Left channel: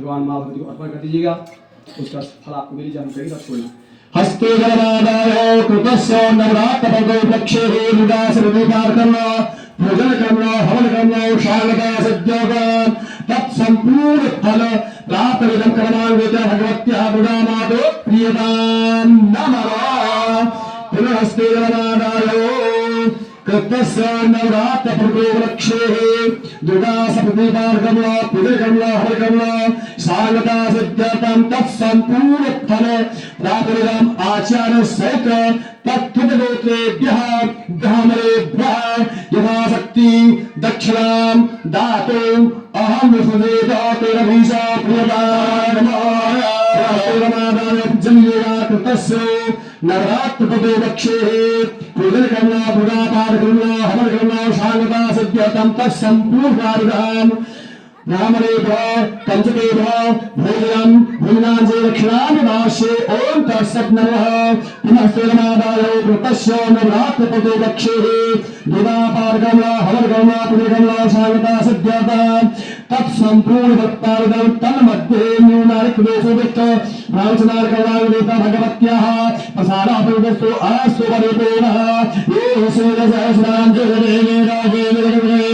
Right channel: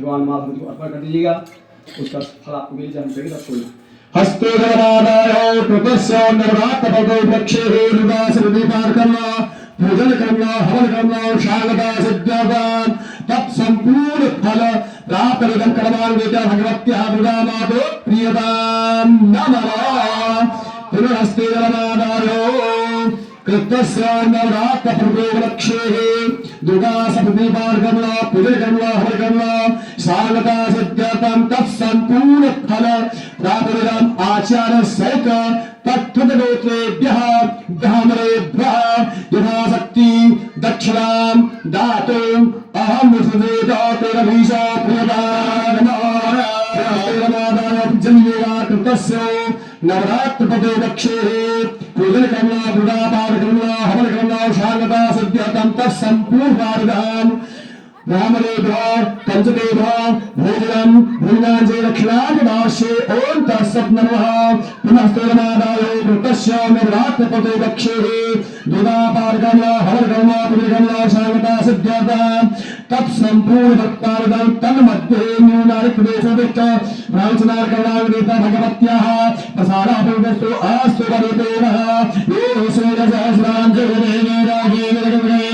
भगवान महादेव को अर्पण कर दीजिएगा, उसका फल आपको मिल जाएगा। हस्ते गणनादाय कृतस्य नवरात्रपदे वृक्षे निवास विकार करना, पूजन करना, हवन करना, शांगता सज्जोगान तत्संपूर्ण फल प्राप्त विधम कर्मान्विता भगवत्याः बुधामातो प्रियतां नमः। पुनर्हस्ते गणनादाय कृतस्य नवरात्रपदे वृक्षे दुर्गा सप्तदीपार्गमना, पूजगमना, हवगमना, शांगता सज्जोगान तत्संपूर्ण फल प्राप्त आचार्य सहित तत्त्वगोत्रेभ्यः ब्राह्मणेभ्यः यथाशक्ति दक्षिणां दातुम् अहं विसुदेवतेरभीषो प्रियताय नमः। जन्येवा कृतस्य नवरात्रपदे वक्षे पूजन करना, बुधापाठ करना, हवन करना, शांगता सज्जतं तत्संपूर्णार्धम् ब्राह्मणेभ्यः पंचकेभ्यः भोजनं भूनांजे दक्षिणाभिभाष्ये ओम तत्सत् नमः। पुनः स्तोत्रमादाय कृतस्य नवरात्रपदे वक्षे दुदापार्गमना, हवनगमना, पुण्यगमना, शांगता सज्जतं तत्संपूर्ण भक्तार्गं तन्मध्ये न्यूनारिक्वेशविष्ट प्रांशनार्कणावेता भगवत्याः प्रसादापरिवस्तु अस्तु वरेतेनः ये सूर्यसहस्रांजलिरेण राजेन गणगणेन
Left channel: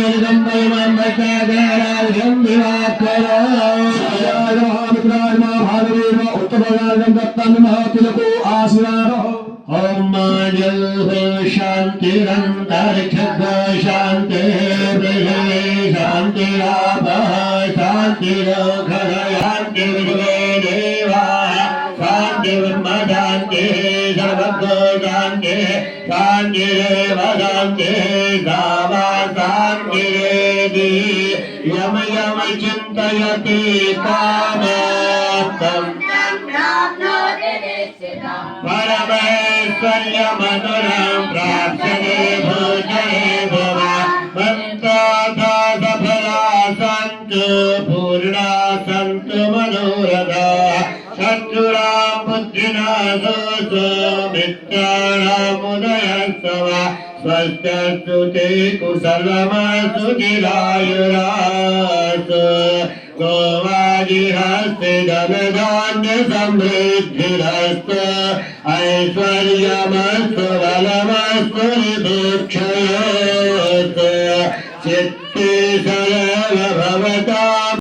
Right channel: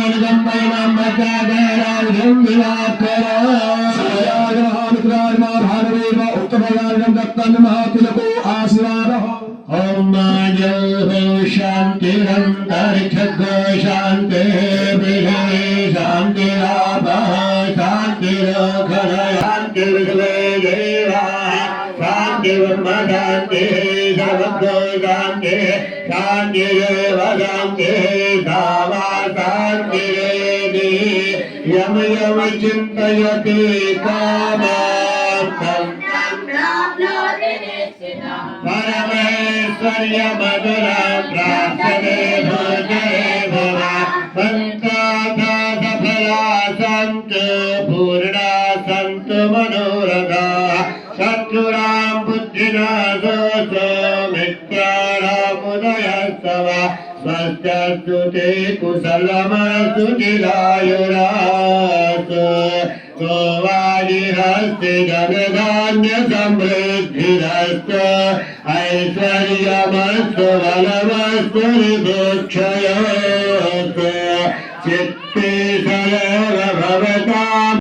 शांति सावासान्निरेदि यम यम चिन्तयति कामार्थम् परमेश्वर्यमधुरं प्राप्स्यते भोजने भवा मन्त्रार्था सफला सन्तु पूर्णा सन्तु मनोरथा चक्षुरां बुद्धिनाशोऽसो मित्राणामुदयस्तव स्वस्त्यस्तु ते कुशलमस्तु चिरायुरास्तु गोवादिहस्ते धनधान्य समृद्धिरस्तु ऐश्वर्यमस्तु बलमस्तु ऋभुक्षय